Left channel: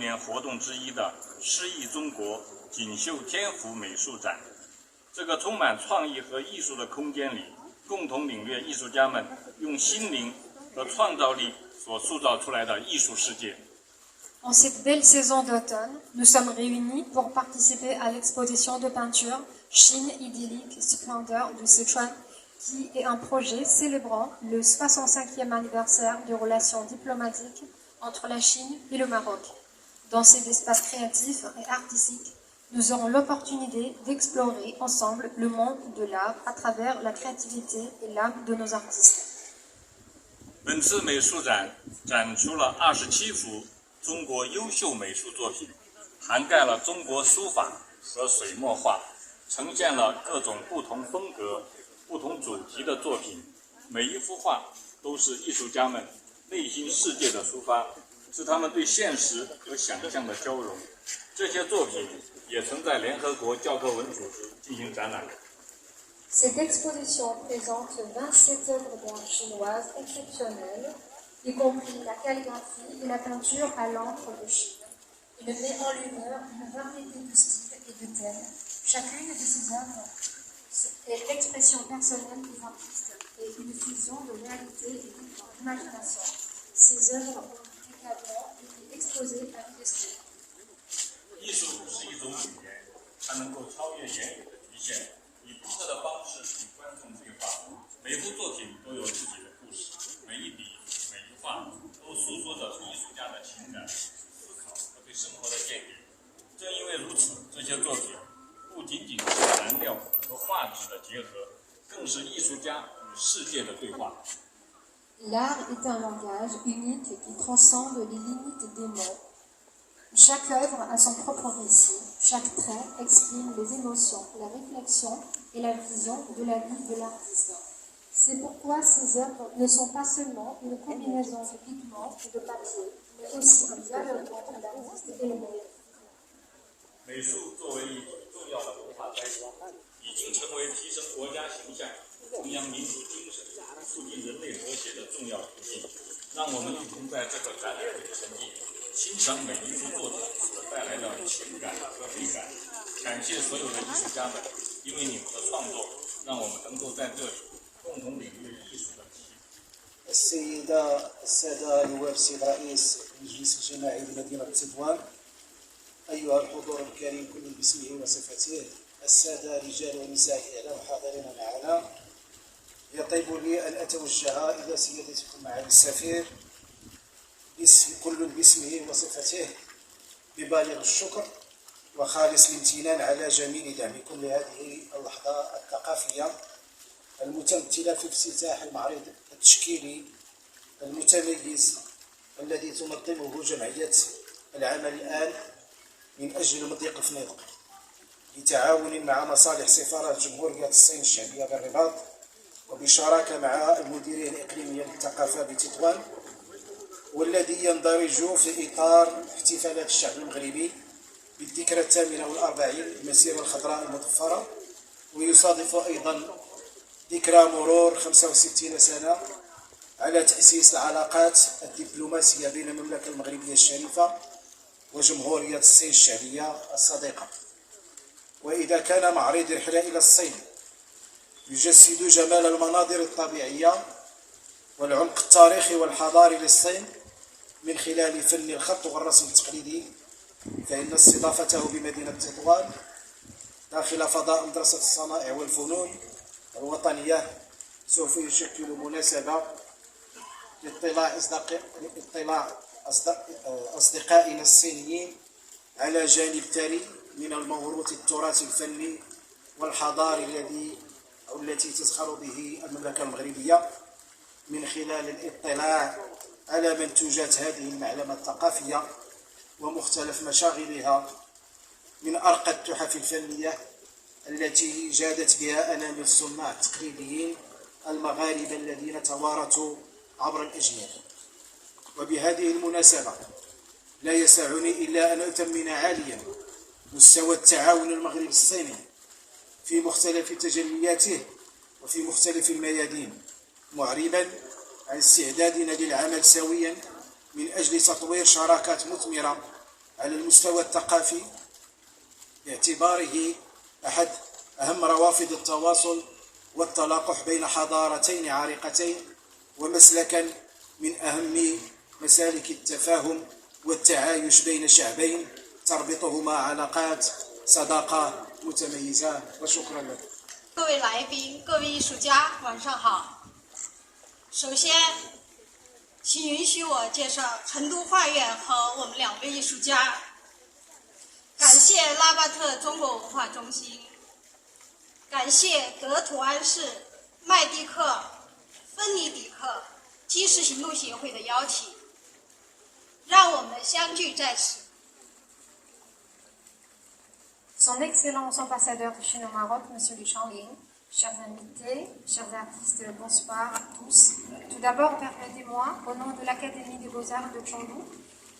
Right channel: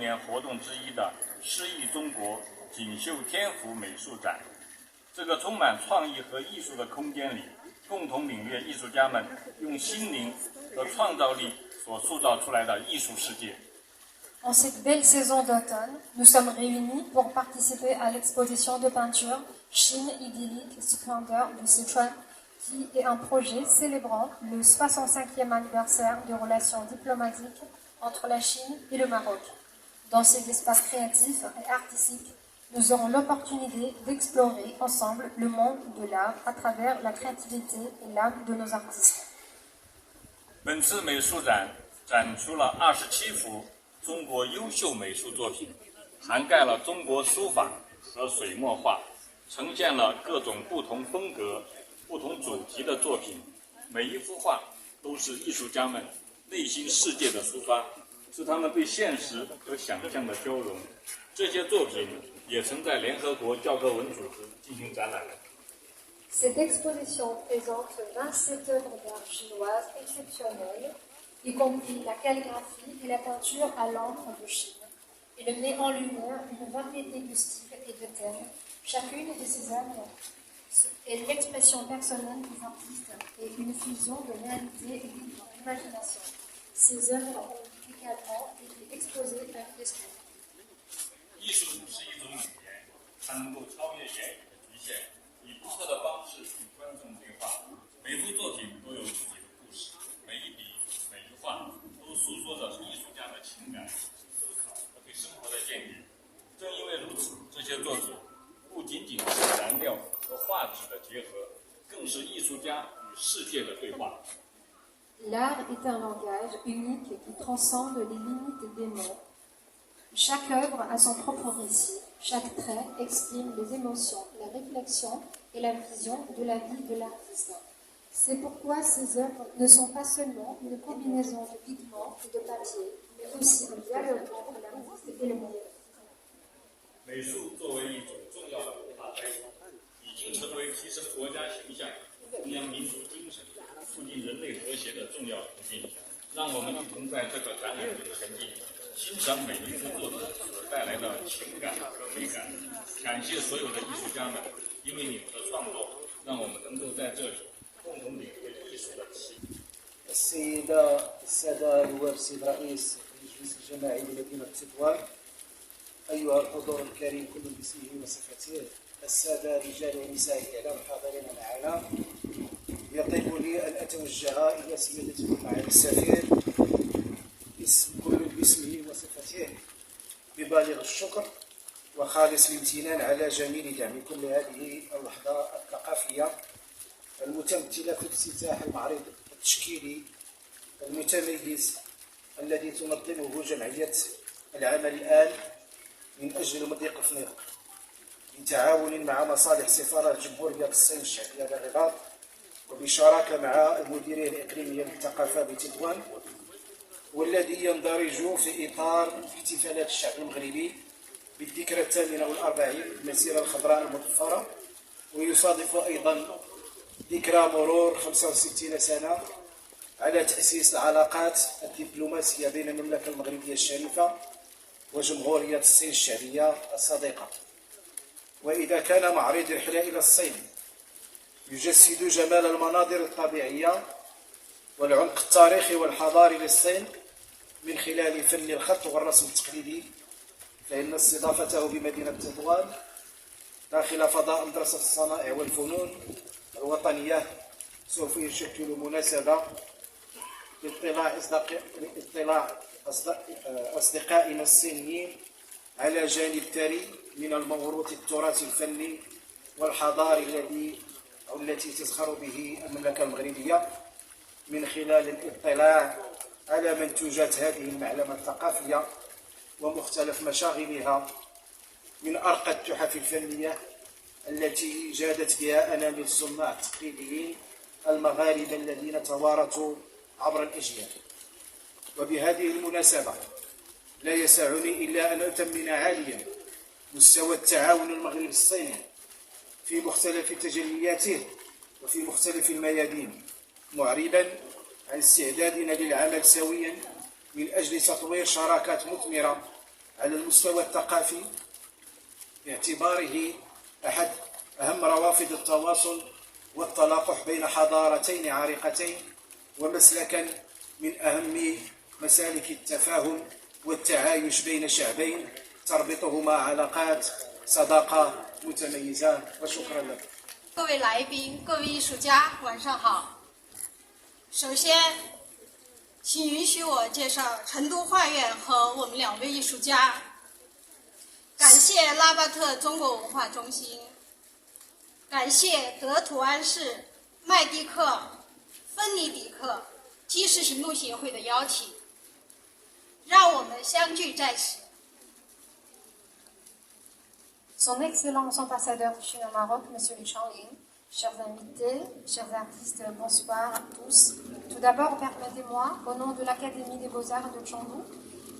年活动之一的诗意中国锦绣天府美术展。这个充满创意和艺术的空间里，共同领略艺术家们用心灵和创造力所塑造出来的艺术世界。En cette belle saison d'automne, nous sommes réunis pour participer à l'exposition de peinture Chine idyllique, splendeur de Sichuan, qui est un projet célébrant le 65e anniversaire des relations diplomatiques entre la Chine et le Maroc. Dans cet espace créatif et artistique, nous aurons l'opportunité d'explorer ensemble le monde de l'art à travers la créativité et l'âme de nos artistes. 本次美术展展出了27幅中国优秀美术作品，涵盖了中国书法和水墨画，呈现了各种不同风格、不同主题的作品。每一幅画都是艺术家们内心世界的抒发，是他们对现实和想象的交融。这些作品也曾在联合国教科文组织进行展览。Cette exposition présente 27 œuvres d'art chinoises exceptionnelles, y compris la calligraphie et la peinture à l'encre de Chine. Elle met en lumière une variété de styles et de thèmes. Chacune de ces œuvres est l'expression personnelle des artistes et une fusion de réalité et d'imagination. Ces œuvres ont également été exposées à l'UNESCO. 艺术是一种语言，它能够超越言语的局限，以独特的方式与观众对话。每幅作品都有自己的故事，每一笔、每一画都诉说着艺术家的情感、思考和对生活的见解。正因为如此，这些作品不仅仅是燃料和画纸的结合，更是艺术家与世界的对话。L'art est un langage unique qui transcende les limites des mots. Chaque œuvre a son propre récit, chaque trait exprime les émotions, la réflexion et la vision de la vie de l'artiste. C'est pourquoi ces œuvres ne sont pas seulement une combinaison de pigments et de papier, mais aussi un dialogue entre l'artiste et le monde. 美术作为一种重要的文化载体，已经成为提升国家形象、弘扬民族精神、促进人类和谐的重要途径。让我们一同在这个展览中沉浸，欣赏每一幅作品所带来的情感和美感。感谢所有的艺术家们，因为你们的创作，让我们能够在这里共同领略艺术的奇迹。السادة نواب السيد رئيس المجلس الجماعي لمدينة تطوان، أيها الحضور الكريم كل باسمه وصفته، السادة رجال ونساء الإعلام الحاضرين معنا، يطيب لي أن أتوجه إلى سيادتكم معالي السفير كل باسمه وصفته ببالغ الشكر وخالص الامتنان على جميل دعمكم لهذه اللحظة الثقافية المتمثلة في افتتاح المعرض التشكيلي المتميز الذي تنظمه جمعية العمل الآن من أجل المضيق فنيدق بتعاون مع مصالح سفارة جمهورية الصين الشعبية بالرباط وبشراكة مع المديرية الإقليمية للثقافة بتطوان، والذي يندرج في إطار احتفالات الشعب المغربي بالذكرى 48 للمسيرة الخضراء المظفرة، ويصادف أيضا ذكرى مرور 65 سنة على تأسيس العلاقات الدبلوماسية بين المملكة المغربية الشريفة وجمهورية الصين الشعبية الصديقة. وإذا كان معرض رحلة إلى الصين يجسد جمال المناظر الطبيعية والعمق التاريخي والحضاري للصين من خلال فن الخط والرسم التقليدي، فإن استضافته بمدينة تطوان داخل فضاء مدرسة الصنائع والفنون الوطنية سوف يشكل مناسبة لاطلاع أصدقائنا الصينيين على جانب ثري من الموروث التراثي الفني والحضاري التي تزخر به المملكة المغربية، من خلال الاطلاع على منتوجات هذه المعلمة الثقافية ومختلف مشاغلها من أرقى التحف الفنية التي جادت بها أنامل الصناع التقليديين المغاربة الذين توارثوا عبر الأجيال. وبهذه المناسبة لا يسعني إلا أن أثمن عاليا مستوى التعاون المغربي الصيني في مختلف تجلياته وفي مختلف الميادين، معربا عن استعدادنا للعمل سويا من أجل تطوير شراكات مثمرة على المستوى الثقافي باعتباره أحد أهم روافد التواصل والتلاقح بين حضارتين عريقتين ومسلكا من أهم مسالك التفاهم والتعايش بين شعبين تربطهما علاقات صداقة متميزة. وشكرا لك. 各位来宾、各位艺术家，晚上好。首先，请允许我介绍成都画院和我们2位艺术家。感谢拉巴特中国文化中心，感谢德图安市麦蒂克芬尼迪克基石行动协会的邀请，让我们相聚在此。 Son Excellence ambassadeur de Chine au Maroc, Monsieur Li Changling, chers invités, chers artistes, bonsoir à tous. Tout d'abord, permettez-moi, au nom de l'Académie des Beaux-Arts de Chengdu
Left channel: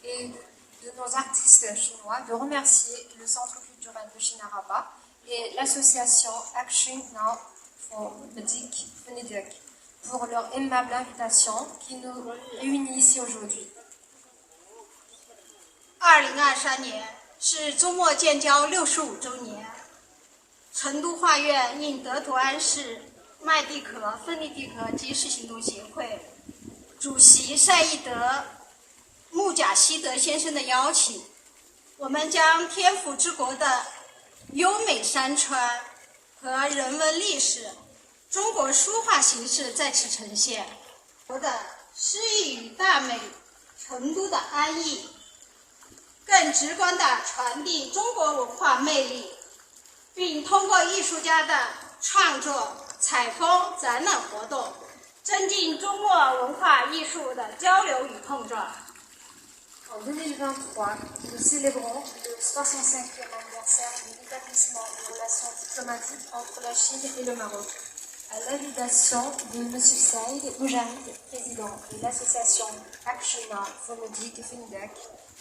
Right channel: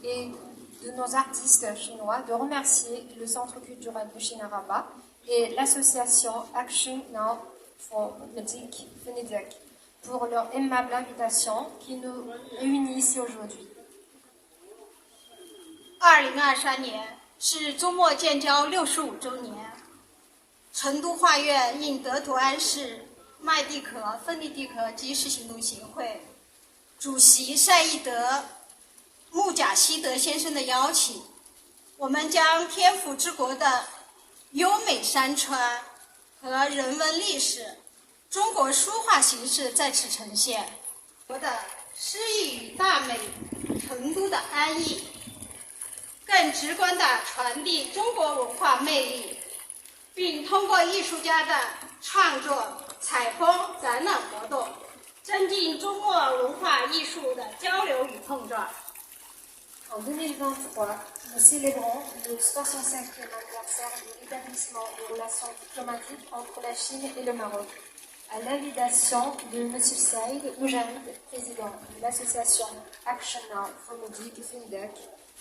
et de nos artistes chinois, de remercier le Centre culturel de Chine Rabat et l'association Action Now for Medic Venedig pour leur aimable invitation qui nous réunit ici aujourd'hui. 2023年。 是周末建交65周年，成都画院应德图安市麦蒂克芬尼迪克基石行动协会主席赛义德穆贾希德先生的邀请，我们将天府之国的优美山川和人文历史、中国书画形式在此呈现，我的诗意与大美，成都的安逸。 更直观地传递中国文化魅力，并通过艺术家的创作、采风、展览活动，增进中莫文化艺术的交流与碰撞。En 2023, nous célébrons le 65e anniversaire de l'établissement des relations diplomatiques entre la Chine et le Maroc. À l'invitation de M. Saïd Moujarid, président de l'association Action Now for Medic Venedig,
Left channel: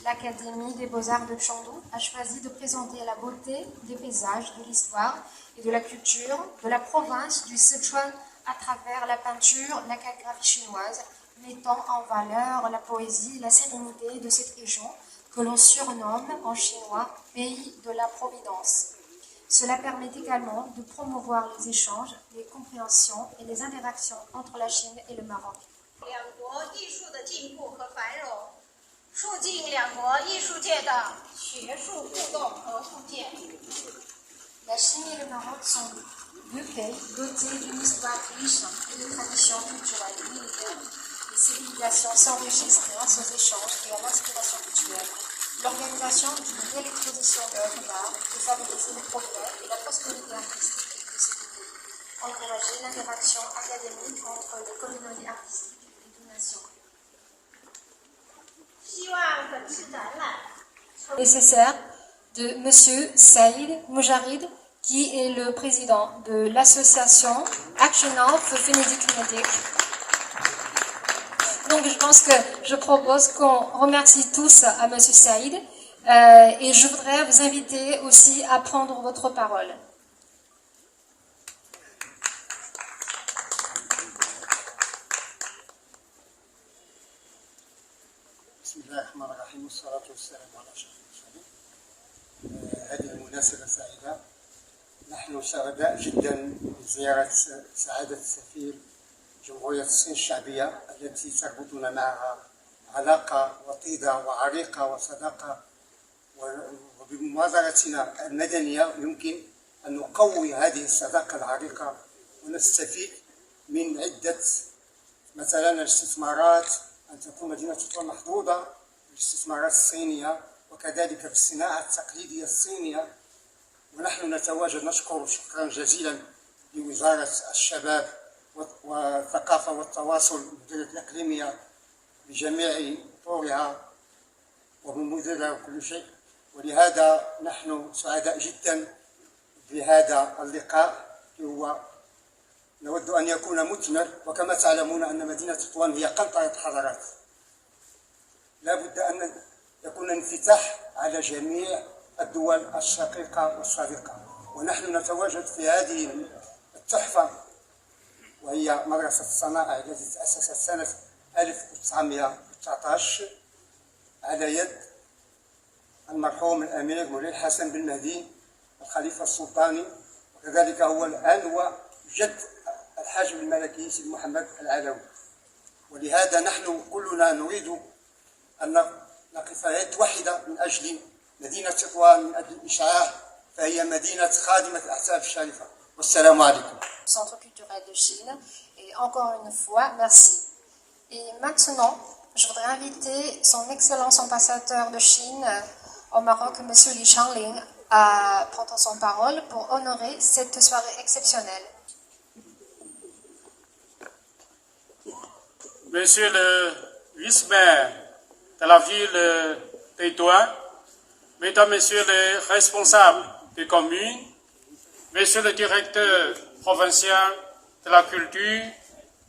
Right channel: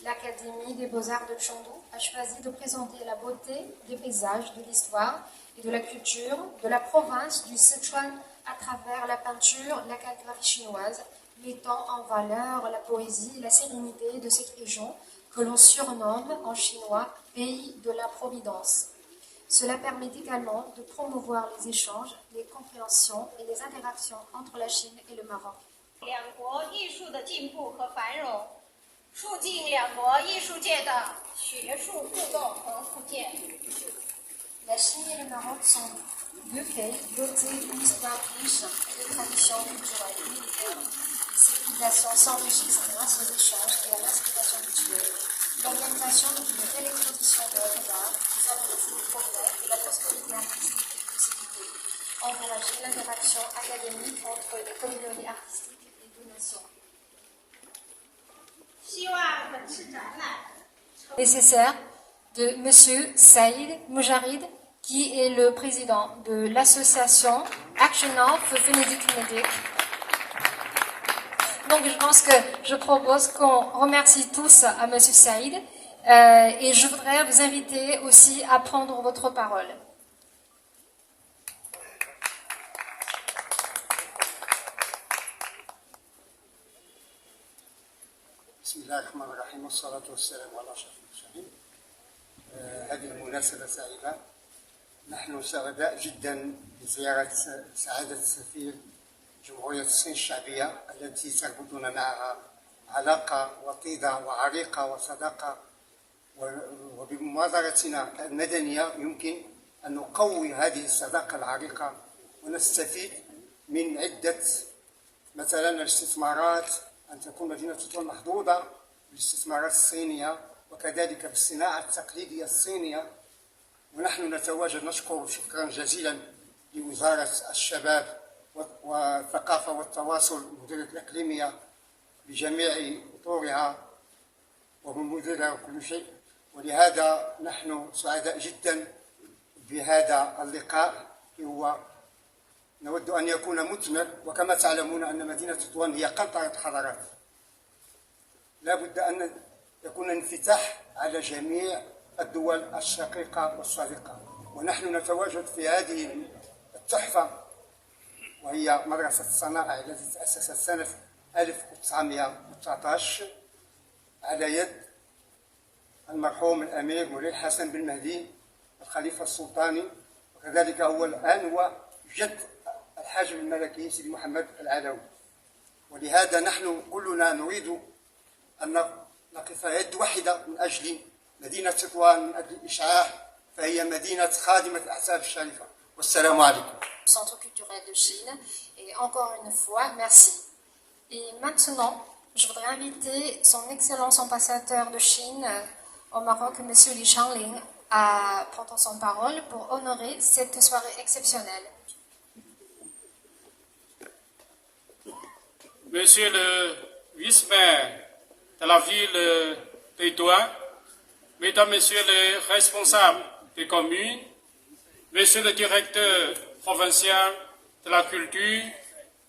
l'Académie des Beaux-Arts de Chengdu a choisi de présenter la beauté des paysages, de l'histoire et de la culture de la province du Sichuan à travers la peinture, la calligraphie chinoise, mettant en valeur la poésie et la sérénité de cette région que l'on surnomme en chinois « pays de la Providence ». Cela permet également de promouvoir les échanges, les compréhensions et les interactions entre la Chine et le Maroc. 两国艺术的进步和繁荣。 促进两国艺术界的学术互动和互鉴。La Chine et le Maroc sont deux pays dotés d'une histoire riche et de traditions culturelles militaires. Les civilisations s'enrichissent grâce aux échanges et à l'inspiration mutuelle. L'organisation d'une belle exposition d'œuvres d'art peut favoriser le progrès et la prospérité artistique de ces deux pays. Encourager l'interaction académique entre les communautés artistiques des deux nations. Nécessaire de M. Saïd Moujarid, qui est le président de l'association Action Now for Venedig Venedig. Donc je pense que je propose qu'on remercie tous à M. Saïd et je voudrais vous inviter aussi à prendre votre parole. بسم الله الرحمن الرحيم والصلاة والسلام على أشرف المرسلين. هذه المناسبة سعيدة. نحن سعداء جدا بزيارة سعادة السفير جمهورية الصين الشعبية التي تربطنا معها علاقة وطيدة وعريقة وصداقة، وبمبادرتنا المدنية يمكن أن نقوي هذه الصداقة العريقة ونستفيد من عدة مثلا الاستثمارات، أن تكون مدينة تطوان محظوظة بالاستثمارات الصينية وكذلك بالصناعة التقليدية الصينية. ونحن نتواجد نشكر شكرا جزيلا لوزارة الشباب والثقافة والتواصل المديرية الإقليمية بجميع أطورها ومديرها وكل شيء، ولهذا نحن سعداء جدا بهذا اللقاء. هو نود أن يكون مثمر، وكما تعلمون أن مدينة تطوان هي قنطرة حضارات، لا بد أن يكون انفتاح على جميع الدول الشقيقة والصديقة، ونحن نتواجد في هذه التحفة وهي مدرسة الصنائع التي تأسست سنة 1919 على يد المرحوم الأمير مولاي الحسن بن مهدي الخليفة السلطاني، وكذلك هو الآن هو جد الحاج الملكي سيدي محمد العلوي. ولهذا نحن كلنا نريد أن نقف يد واحدة من أجل مدينة تطوان، من أجل الإشعاع، فهي مدينة خادمة الأحساب الشريفة. والسلام عليكم. Centre culturel de Chine. Et encore une fois, merci. Et maintenant, je voudrais inviter son Excellence ambassadeur de Chine au Maroc, M. Li Shangling, à prendre son parole pour honorer cette soirée exceptionnelle. Monsieur le vice-maire de la ville de Tétouan, Mesdames, Messieurs les responsables des communes, Monsieur le directeur provincial de la culture,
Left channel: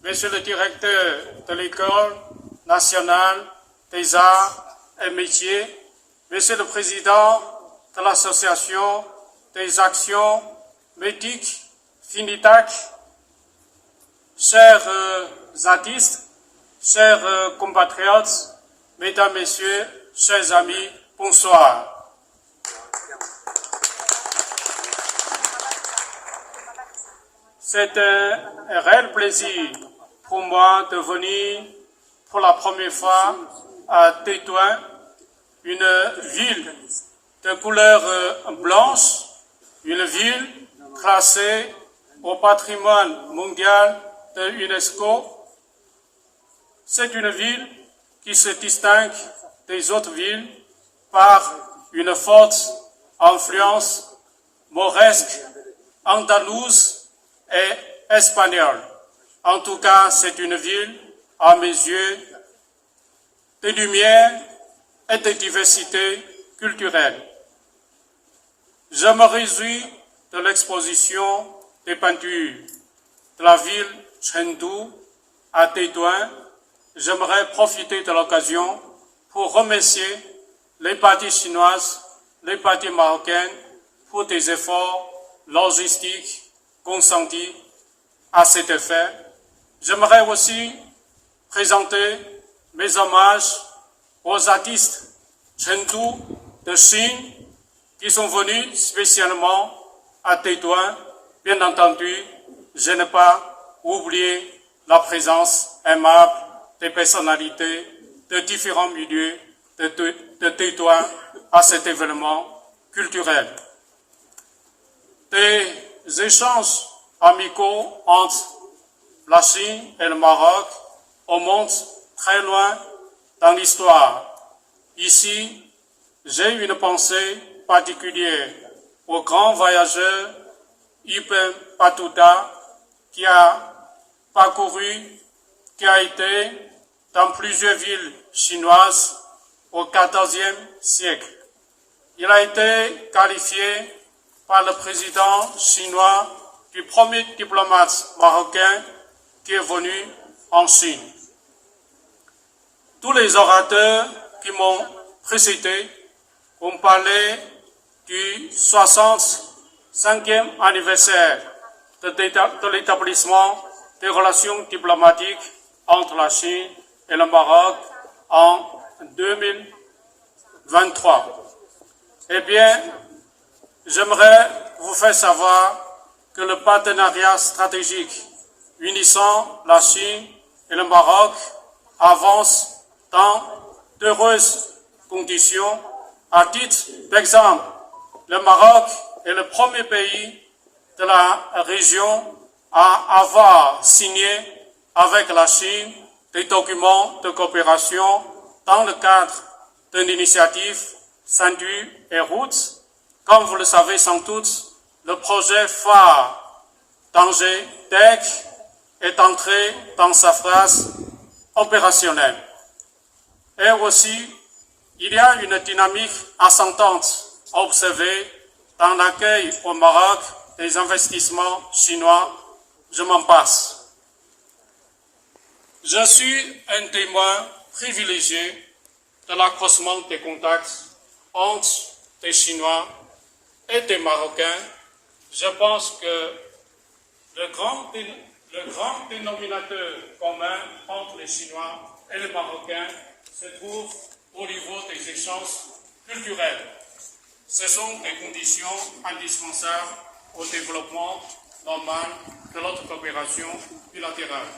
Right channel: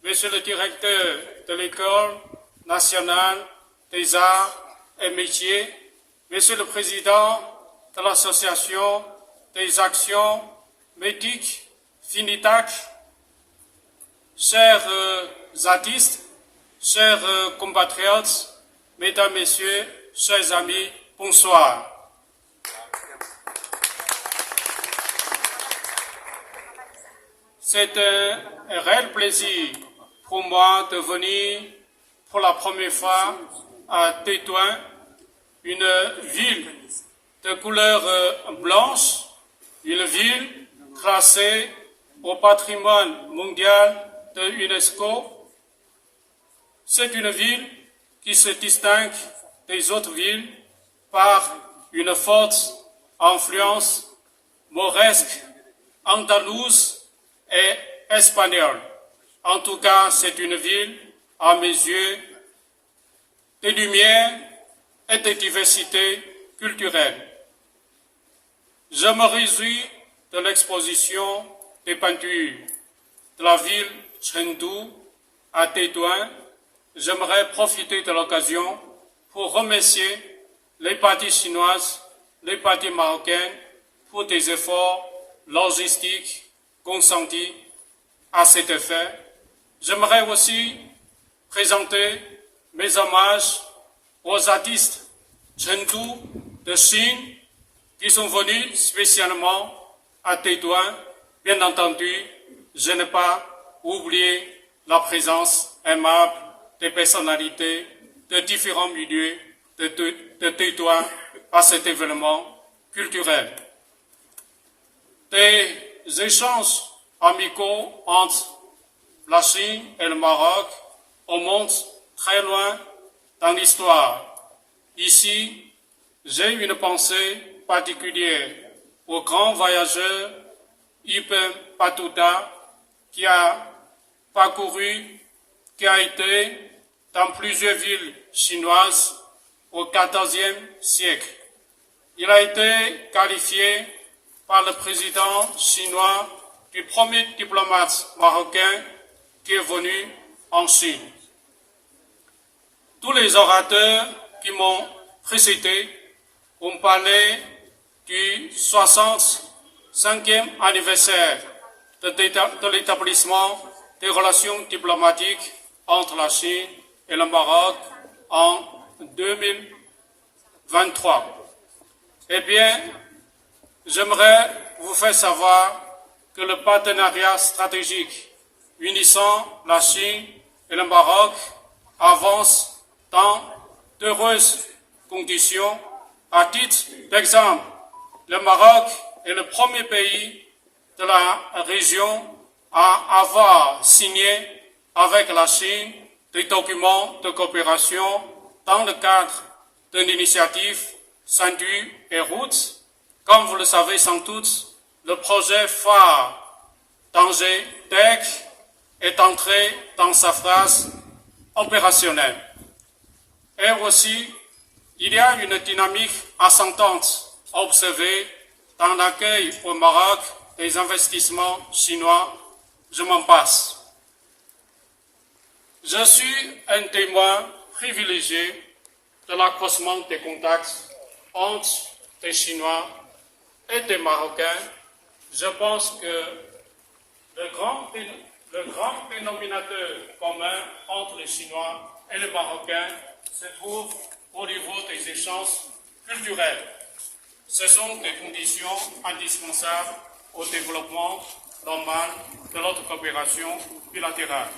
Monsieur le directeur de l'école nationale des arts et métiers, Monsieur le président de l'association des actions médiques FINITAC, chers artistes, chers compatriotes, Mesdames, Messieurs, chers amis, bonsoir. C'est un réel plaisir pour moi de venir pour la première fois à Tétouan, une ville de couleur blanche, une ville classée au patrimoine mondial de l'UNESCO. C'est une ville qui se distingue des autres villes par une forte influence mauresque, andalouse et espagnole. En tout cas, c'est une ville, à mes yeux, de lumière et de diversité culturelle. Je me réjouis de l'exposition des peintures de la ville Chengdu à Tétouan. J'aimerais profiter de l'occasion pour remercier les parties chinoises, les parties marocaines pour des efforts logistiques consentis à cet effet. J'aimerais aussi présenter mes hommages aux artistes Chengdu de Chine qui sont venus spécialement à Tétouan. Bien entendu, je n'ai pas oublié la présence aimable des personnalités de différents milieux de Tétouan à cet événement culturel. Des échanges amicaux entre la Chine et le Maroc remontent très loin dans l'histoire. Ici, j'ai une pensée particulière au grand voyageur Ibn Battuta qui a été dans plusieurs villes chinoises au XIVe siècle. Il a été qualifié par le président chinois du premier diplomate marocain qui est venu en Chine. Tous les orateurs qui m'ont précédé ont parlé du 65e anniversaire de l'établissement des relations diplomatiques entre la Chine et le Maroc en 2023. Eh bien, j'aimerais vous faire savoir que le partenariat stratégique unissant la Chine et le Maroc avance dans d'heureuses conditions. À titre d'exemple, le Maroc est le premier pays de la région à avoir signé avec la Chine des documents de coopération dans le cadre de l'initiative Sendai et Route. Comme vous le savez sans doute, le projet phare d'Angers DEC est entré dans sa phase opérationnelle. Et aussi, il y a une dynamique ascendante à observer dans l'accueil au Maroc des investissements chinois. Je m'en passe. Je suis un témoin privilégié de l'accroissement des contacts entre des Chinois et des Marocains. Je pense que le grand dénominateur commun entre les Chinois et les Marocains se trouve au niveau des échanges culturelle. Ce sont des conditions indispensables au développement normal de notre coopération bilatérale.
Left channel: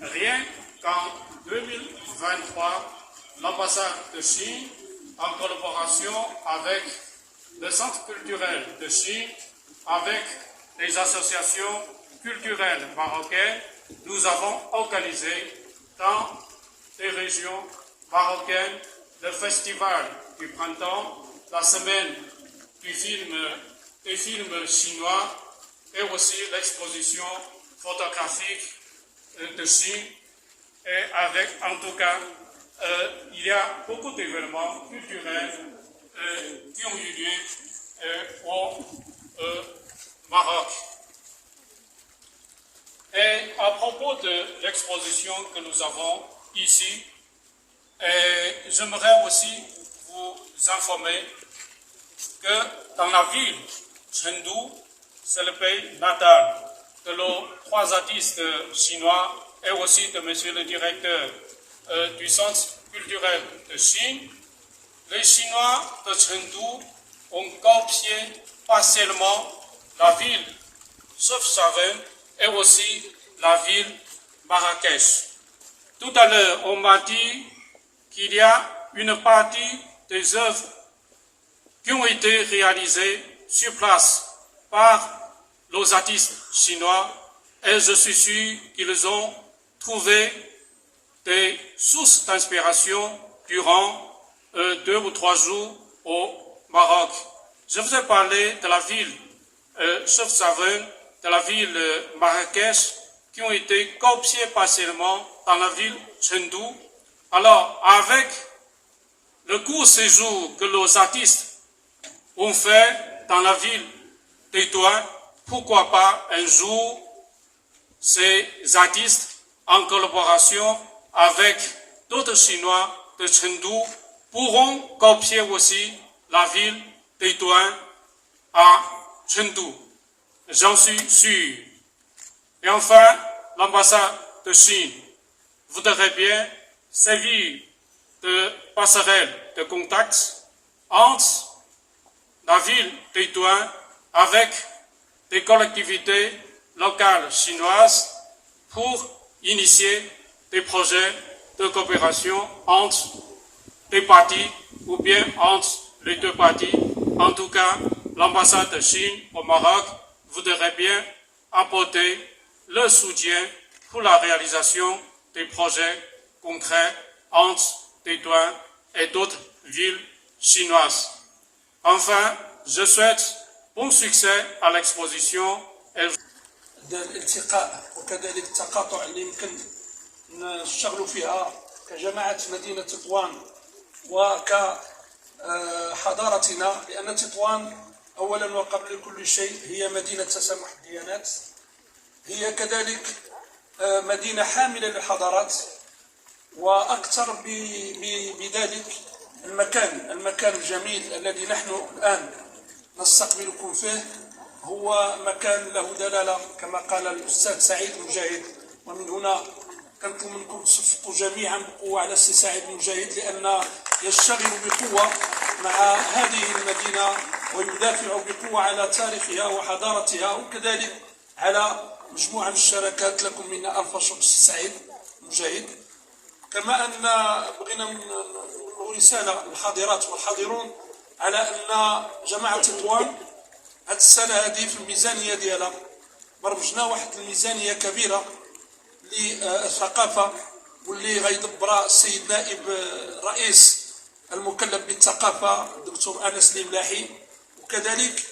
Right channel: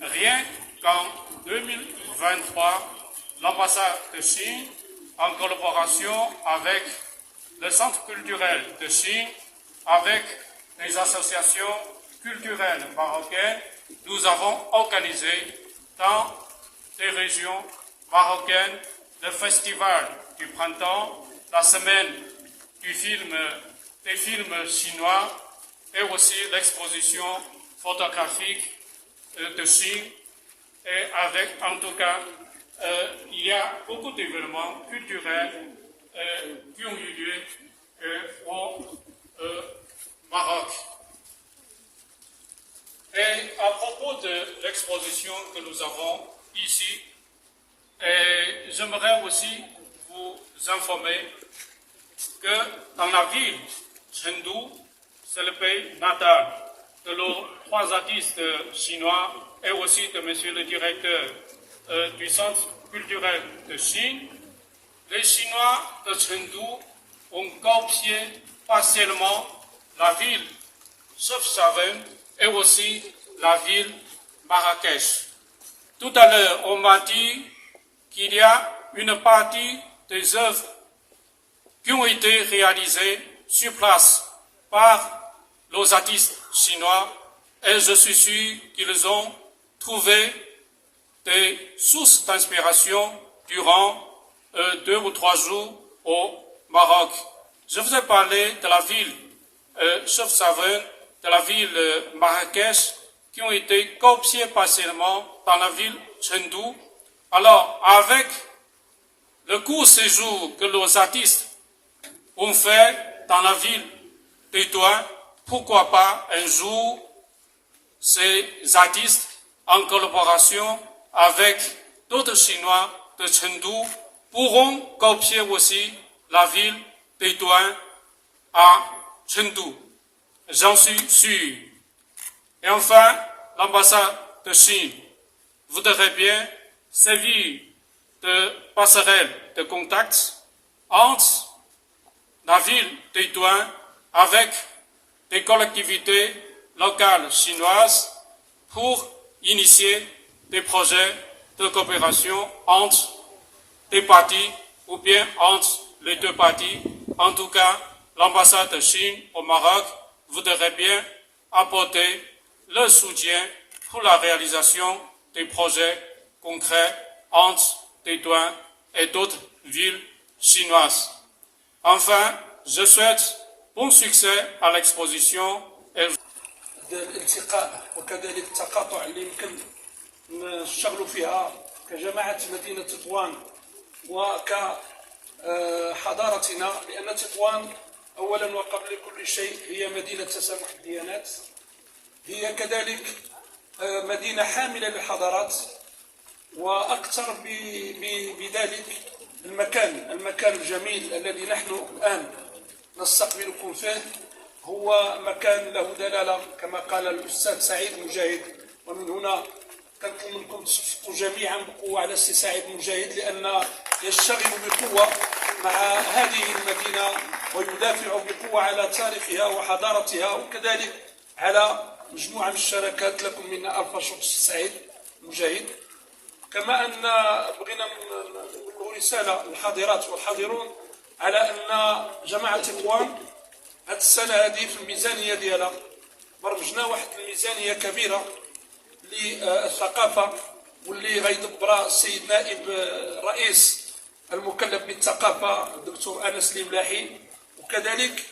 Rien qu'en 2023, l'ambassade de Chine, en collaboration avec le Centre culturel de Chine, avec les associations culturelles marocaines, nous avons organisé dans les régions marocaines le festival du printemps, la semaine des films chinois et aussi l'exposition photographique de Chine. Et avec, en tout cas, il y a beaucoup d'événements culturels qui ont eu lieu au Maroc. Et à propos de l'exposition que nous avons ici, j'aimerais aussi vous informer que dans la ville Chengdu, c'est le pays natal de nos 3 artistes chinois et aussi de monsieur le directeur du Centre culturel de Chine. Les Chinois de Chengdu ont copié partiellement la ville Chefchaouen et aussi la ville Marrakech. Tout à l'heure, on m'a dit qu'il y a une partie des œuvres qui ont été réalisées sur place par nos artistes chinois et je suis sûr qu'ils ont trouvé des sources d'inspiration durant 2 ou 3 jours au Maroc. Je vous ai parlé de la ville Chefchaouen, de la ville Marrakech, qui ont été copiées partiellement dans la ville Chengdu. Alors, avec le court séjour que nos artistes ont fait dans la ville de Douane, pourquoi pas un jour ces artistes, en collaboration avec d'autres Chinois de Chengdu, pourront copier aussi la ville de Douane à Chengdu. J'en suis sûr. Et enfin, l'ambassade de Chine voudrait bien servir de passerelle de contact entre la ville de Douane avec des collectivités locales chinoises pour initier des projets de coopération entre les parties ou bien entre les 2 parties. En tout cas, l'ambassade de Chine au Maroc voudrait bien apporter le soutien pour la réalisation des projets concrets entre les Douanes et d'autres villes chinoises. Enfin, je souhaite bon succès à l'exposition. الالتقاء وكذلك التقاطع اللي يمكن نشتغلوا فيها كجماعة مدينة تطوان وكحضارتنا، لأن تطوان أولا وقبل كل شيء هي مدينة تسامح الديانات، هي كذلك مدينة حاملة للحضارات، وأكثر بذلك المكان الجميل الذي نحن الآن نستقبلكم فيه هو مكان له دلالة كما قال الأستاذ سعيد مجاهد. ومن هنا كنطلب منكم تصفقوا جميعا بقوة على السي سعيد مجاهد، لأن يشتغل بقوة مع هذه المدينة ويدافع بقوة على تاريخها وحضارتها، وكذلك على مجموعة من الشراكات. لكم منا ألف شكر السي سعيد مجاهد. كما أن بغينا نقول رسالة للحاضرات والحاضرون على أن جماعة تطوان هاد السنة هذه في الميزانية ديالها برمجنا واحد الميزانية كبيرة للثقافة، واللي غيدبرها السيد نائب الرئيس المكلف بالثقافة الدكتور أنس الملاحي. وكذلك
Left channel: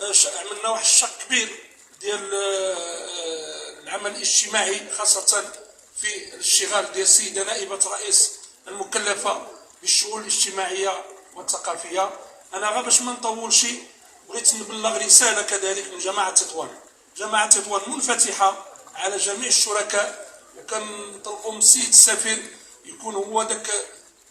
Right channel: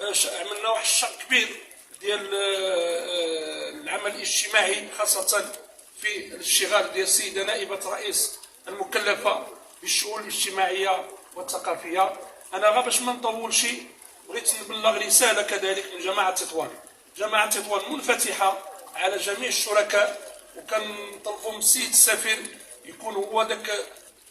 عملنا واحد الشق كبير ديال العمل الاجتماعي، خاصة في الاشتغال ديال السيدة نائبة الرئيس المكلفة بالشؤون الاجتماعية والثقافية. أنا غير باش ما نطولش بغيت نبلغ رسالة كذلك من جماعة تطوان. جماعة تطوان منفتحة على جميع الشركاء، وكنطلبوا من السيد السفير يكون هو داك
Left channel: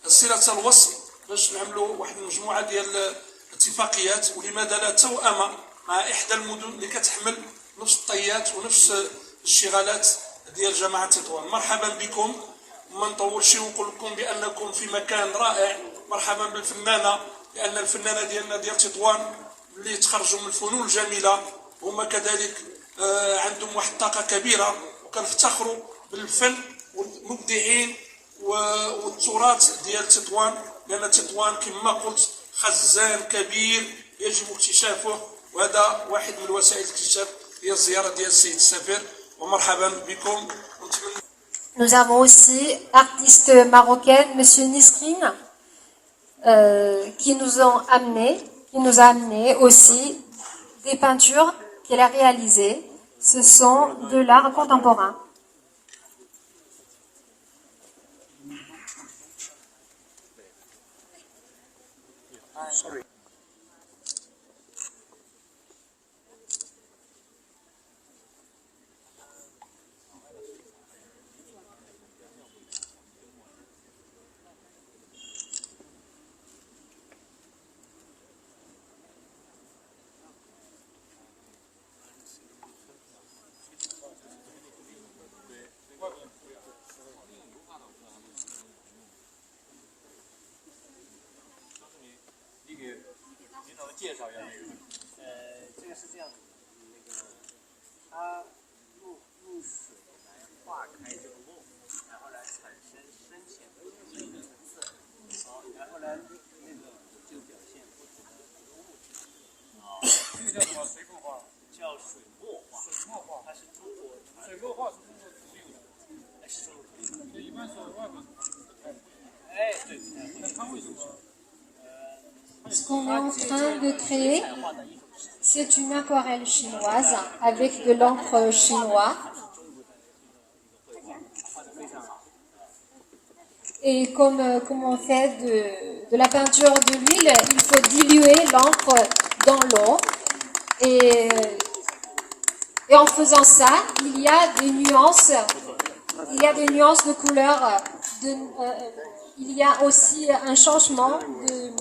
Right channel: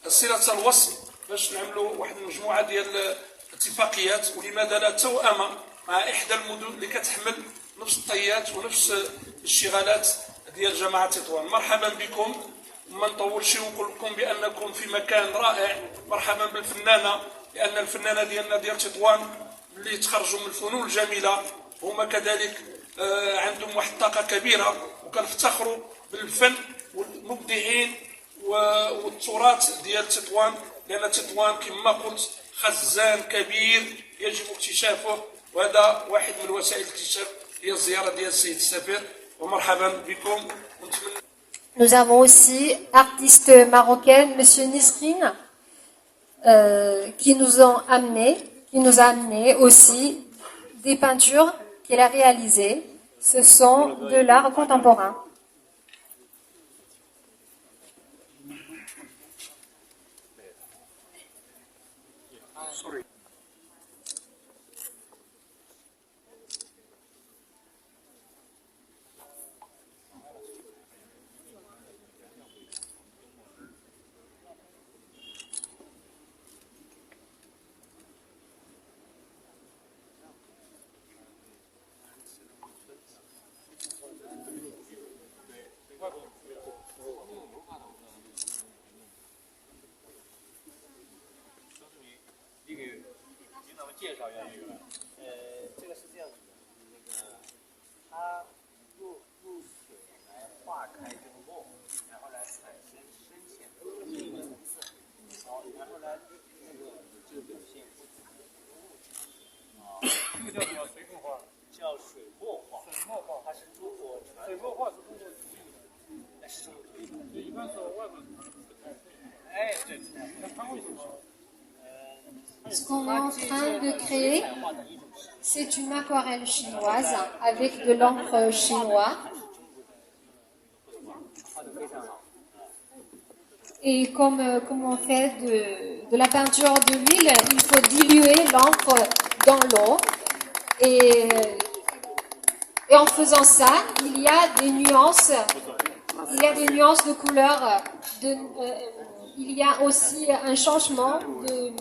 صلة الوصل باش نعملوا واحد المجموعة ديال الاتفاقيات، ولماذا لا توأمة مع إحدى المدن اللي كتحمل نفس الطيات ونفس الاشتغالات ديال جماعة تطوان. مرحبا بكم، وما نطولش ونقول لكم بأنكم في مكان رائع. مرحبا بالفنانة لان الفنانه ديالنا ديال تطوان اللي تخرجوا من الفنون الجميله هما كذلك عندهم واحد الطاقه كبيره وكنفتخروا بالفن والمبدعين والتراث ديال تطوان، لان تطوان كما قلت خزان كبير يجب اكتشافه، وهذا واحد من وسائل الاكتشاف هي الزياره ديال السيد السفير. ومرحبا بكم. Nous avons aussi artiste marocaine, Monsieur Nisrine, qui nous a amené aussi des peintures qu'elle a réalisées. Ce sont de l'art contemporain. Ce qu'on est en train de créer, c'est une aquarelle chinoise avec de l'encre chinoise. Et comme on fait de la peinture de l'huile, il faut diluer l'encre dans l'eau. Et en faisant ça, il y a des nuances de couleur. Il y a aussi un changement de...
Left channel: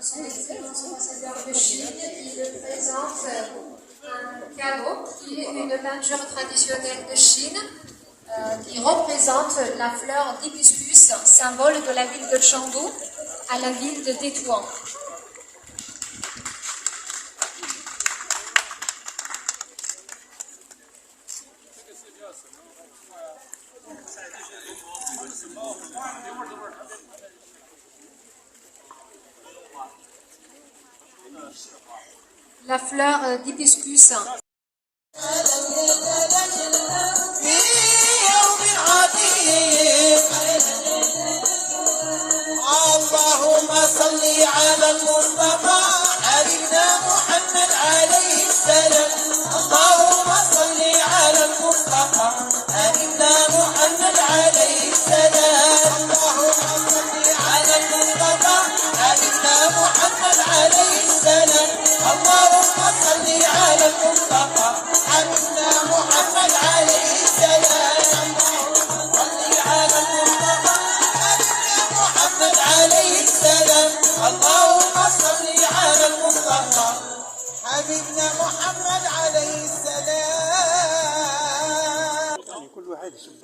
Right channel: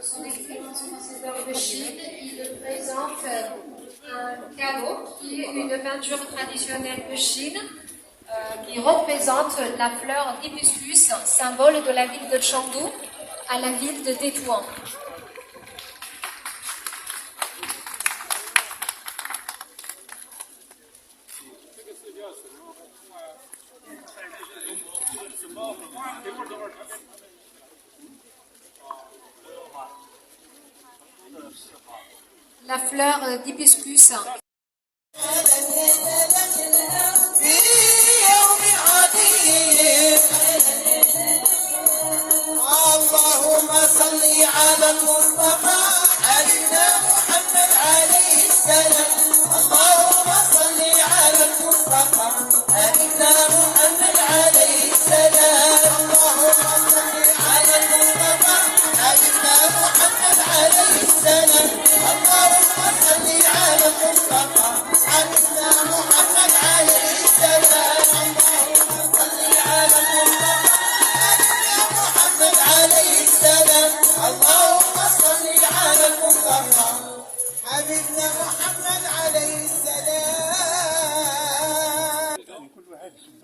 Son Excellence ambassadeur de Chine, il présente un caveau qui est une peinture traditionnelle de Chine qui représente la fleur d'hibiscus, symbole de la ville de Chengdu à la ville de Tétouan. La fleur d'hibiscus. اللهم صل على المصطفى حبيبنا محمد عليه السلام. اللهم صل على المصطفى حبيبنا محمد عليه السلام. اللهم صل على المصطفى حبيبنا محمد عليه السلام. اللهم صل على المصطفى حبيبنا محمد عليه السلام. اللهم صل على المصطفى محمد عليه السلام. اللهم صل على المصطفى حبيبنا محمد عليه السلام. كل واحد يشوف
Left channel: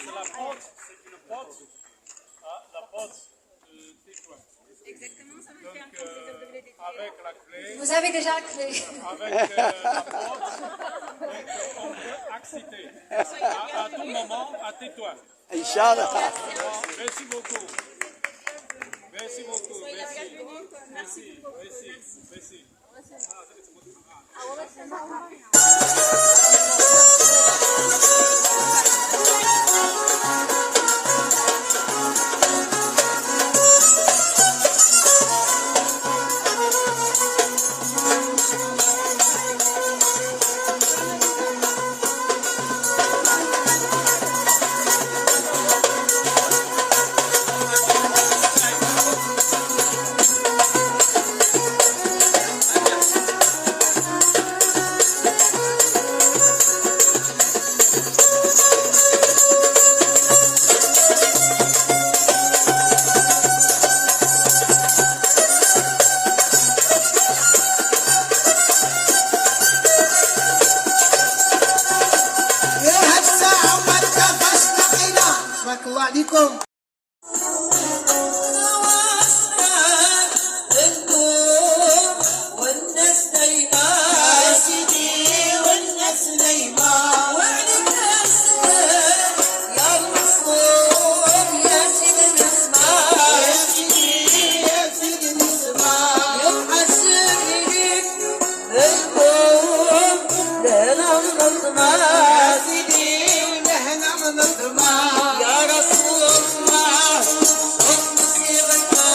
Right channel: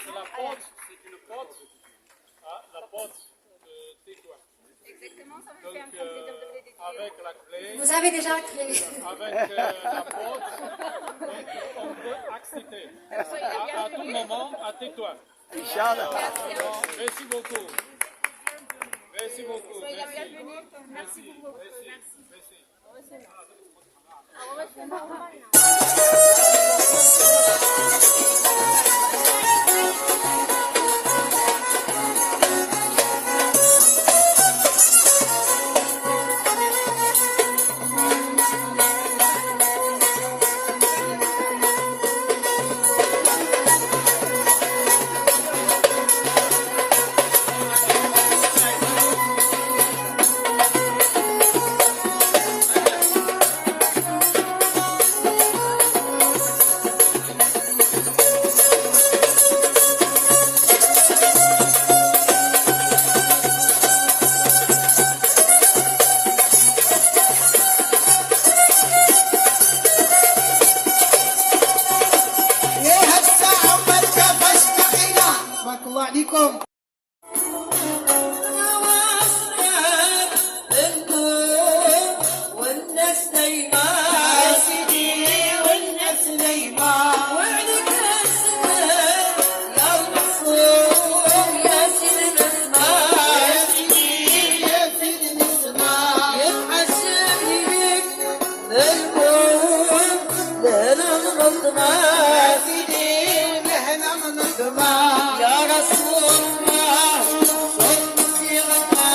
C'est la porte, c'est une porte, la porte Tétouan. Exactement, ça veut Donc, faire un plaisir de vous les découvrir. avec la clé, Vous avez déjà la clé. avec la porte, on peut accéder à tout moment à Tétouan. Inch'Allah. Merci beaucoup. Merci beaucoup. Soyez la Merci. bienvenue. Merci beaucoup. Merci. الله عليكم. والناس نايمة يا سيدي والناس نايمة وعليك السلام يا المصروف يا سيدي نسمع يا سيدي نسمع يا محسن ليك القوم لنا من الطمع يا سيدي نحنا من الطمع يا رسول الله صد سيرتنا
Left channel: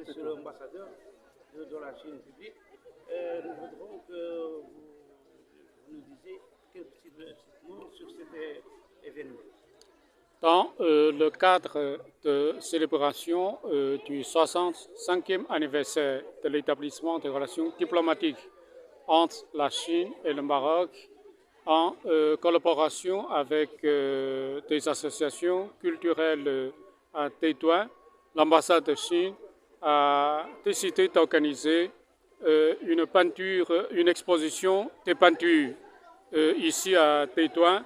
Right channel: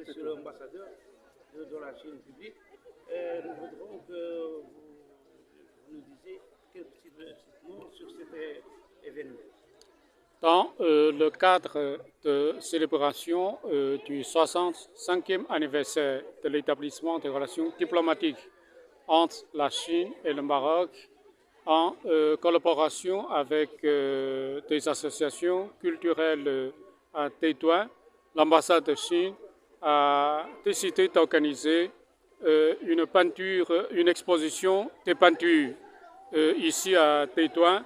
Monsieur l'ambassadeur de la Chine publique, nous voudrons que vous nous disiez quelques petits mots sur cet événement. Dans le cadre de célébration du 65e anniversaire de l'établissement des relations diplomatiques entre la Chine et le Maroc, en collaboration avec des associations culturelles à Tétouan, l'ambassade de Chine a décidé d'organiser une exposition de peinture ici à Tétouan.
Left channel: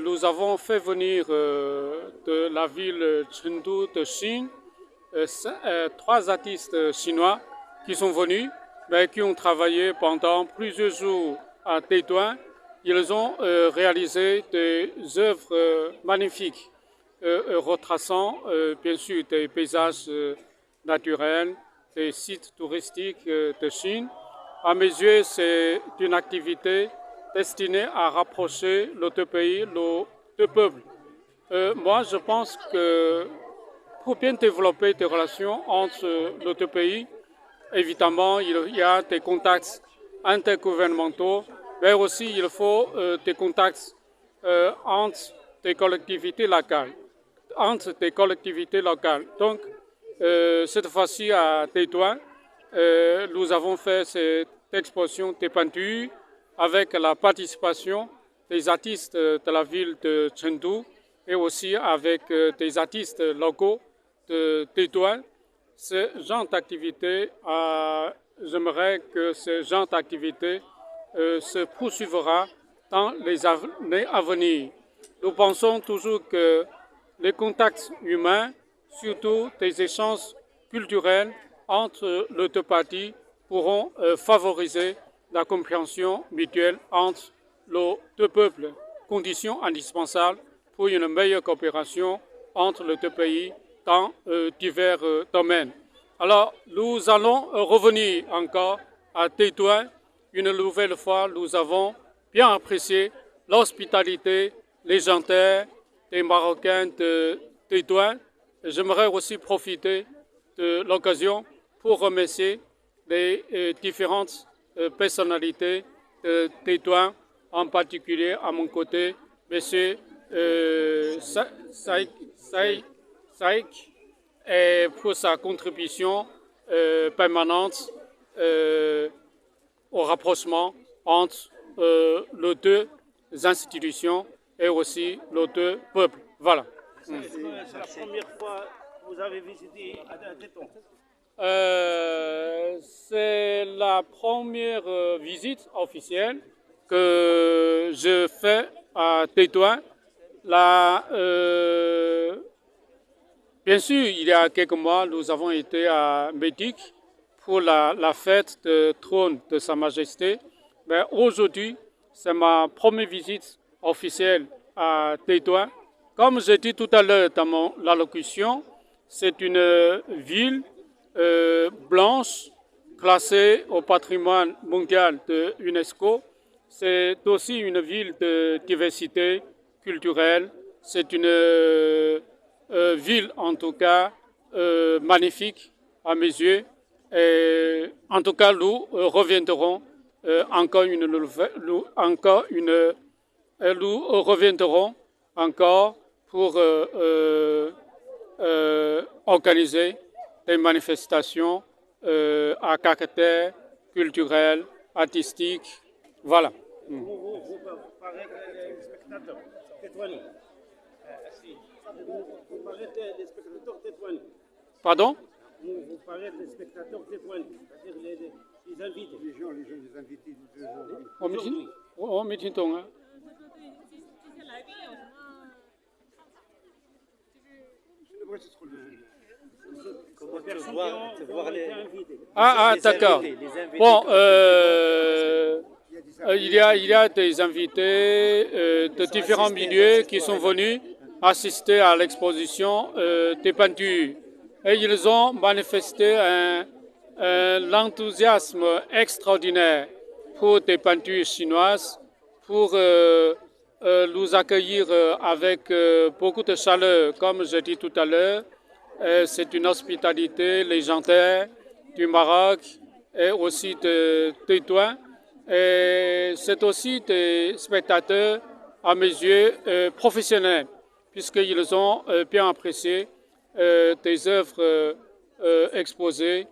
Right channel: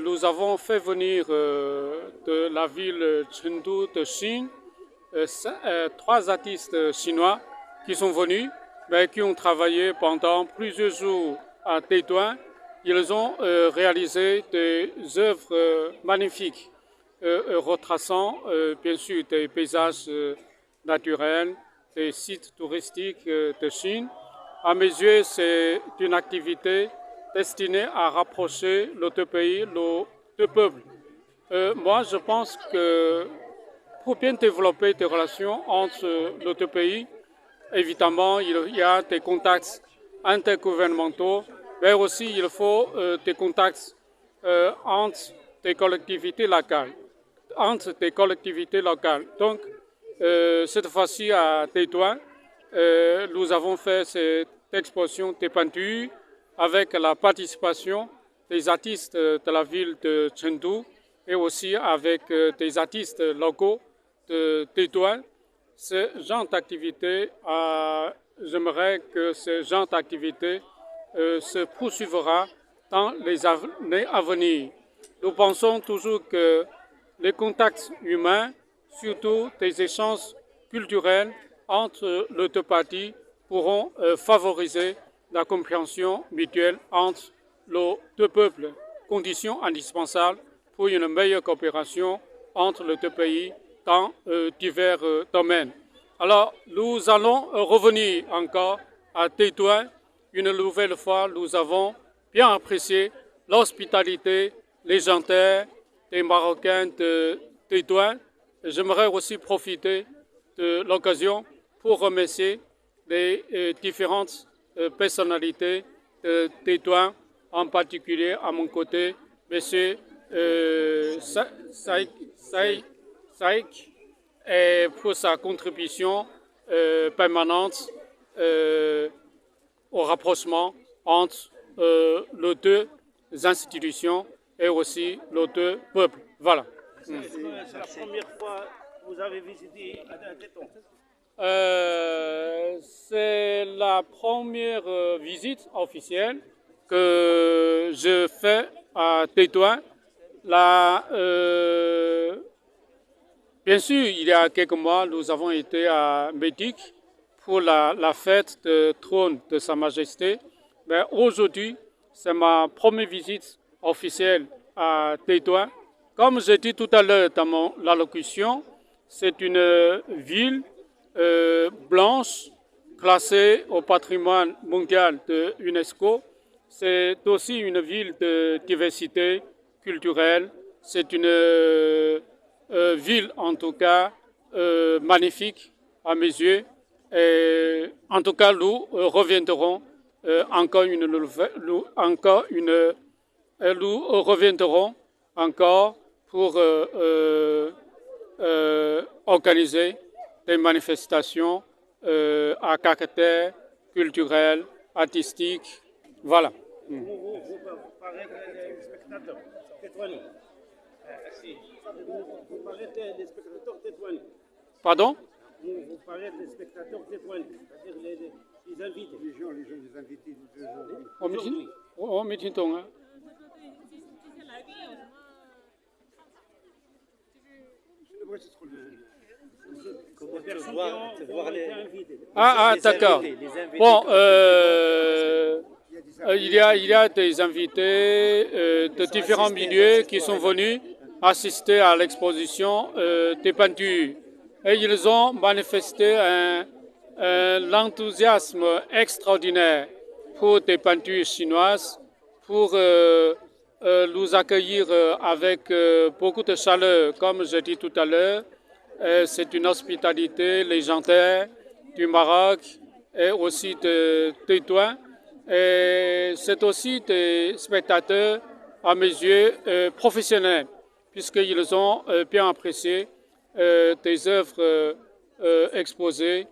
Nous avons fait venir de la ville Chengdu de Chine 3 artistes chinois qui sont venus, mais qui ont travaillé pendant plusieurs jours à Tétouan. Ils ont réalisé des œuvres magnifiques, retraçant bien sûr des paysages naturels, des sites touristiques de Chine. À mes yeux, c'est une activité destinée à rapprocher les deux pays, les deux peuples. Moi, je pense que pour bien développer des relations entre les deux pays, évidemment, il y a des contacts intergouvernementaux mais aussi il faut des contacts entre des collectivités locales. Donc, cette fois-ci à Tétouan, nous avons fait cette exposition des peintures avec la participation des artistes de la ville de Chengdu et aussi avec des artistes locaux de Tétouan. Ce genre d'activité, j'aimerais que ce genre d'activité se poursuivra dans les années à venir. Nous pensons toujours que les contacts humains, surtout des échanges culturels entre les deux parties, pourront favoriser la compréhension mutuelle entre les deux peuples, condition indispensable pour une meilleure coopération entre les deux pays dans divers domaines. Alors, nous allons revenir encore à Tétouan. Une nouvelle fois, nous avons bien apprécié l'hospitalité légendaire des Marocains de Tétouan. J'aimerais aussi profiter de l'occasion pour remercier les différentes personnalités de Tétouan, en particulier à mon côté, M. Saïk, et pour sa contribution permanente au rapprochement entre les deux institutions et aussi les deux peuples. Voilà. C'est la première fois que vous avez visité Tétouan. C'est la première visite officielle que je fais à Tétouan. Bien sûr, il y a quelques mois, nous avons été à Médic pour la fête de trône de Sa Majesté. Mais aujourd'hui, c'est ma première visite officielle à Tétouan. Comme j'ai dit tout à l'heure dans mon allocution, c'est une ville blanche classée au patrimoine mondial de l'UNESCO. C'est aussi une ville de diversité culturelle. C'est une ville, en tout cas, magnifique à mes yeux. Et, en tout cas, nous reviendrons encore pour organiser des manifestations à caractère culturel, artistique. Voilà. Vous parlez des spectateurs tétouaniens. Vous parlez des spectateurs tétouaniens. Pardon? Vous parlez des spectateurs tétouaniens, c'est-à-dire les invités. Les gens les invités d'aujourd'hui. 我没听懂啊。Ah, d'accord. Bon, il y a des invités de différents milieux qui sont venus assister à l'exposition des peintures. Et ils ont manifesté l'enthousiasme extraordinaire pour des peintures chinoises, pour nous accueillir avec beaucoup de chaleur, comme je dis tout à l'heure. C'est une hospitalité légendaire du Maroc et aussi de Tétouan. Et c'est aussi des spectateurs, à mes yeux, professionnels, puisqu'ils ont bien apprécié des œuvres exposées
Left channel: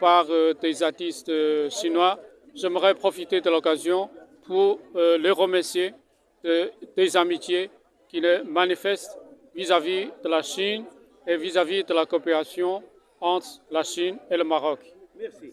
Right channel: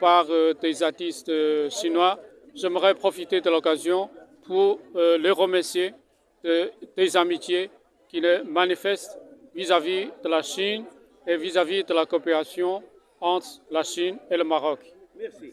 par des artistes chinois. J'aimerais profiter de l'occasion pour les remercier des amitiés qu'ils manifestent vis-à-vis de la Chine et vis-à-vis de la coopération entre la Chine et le Maroc. Merci.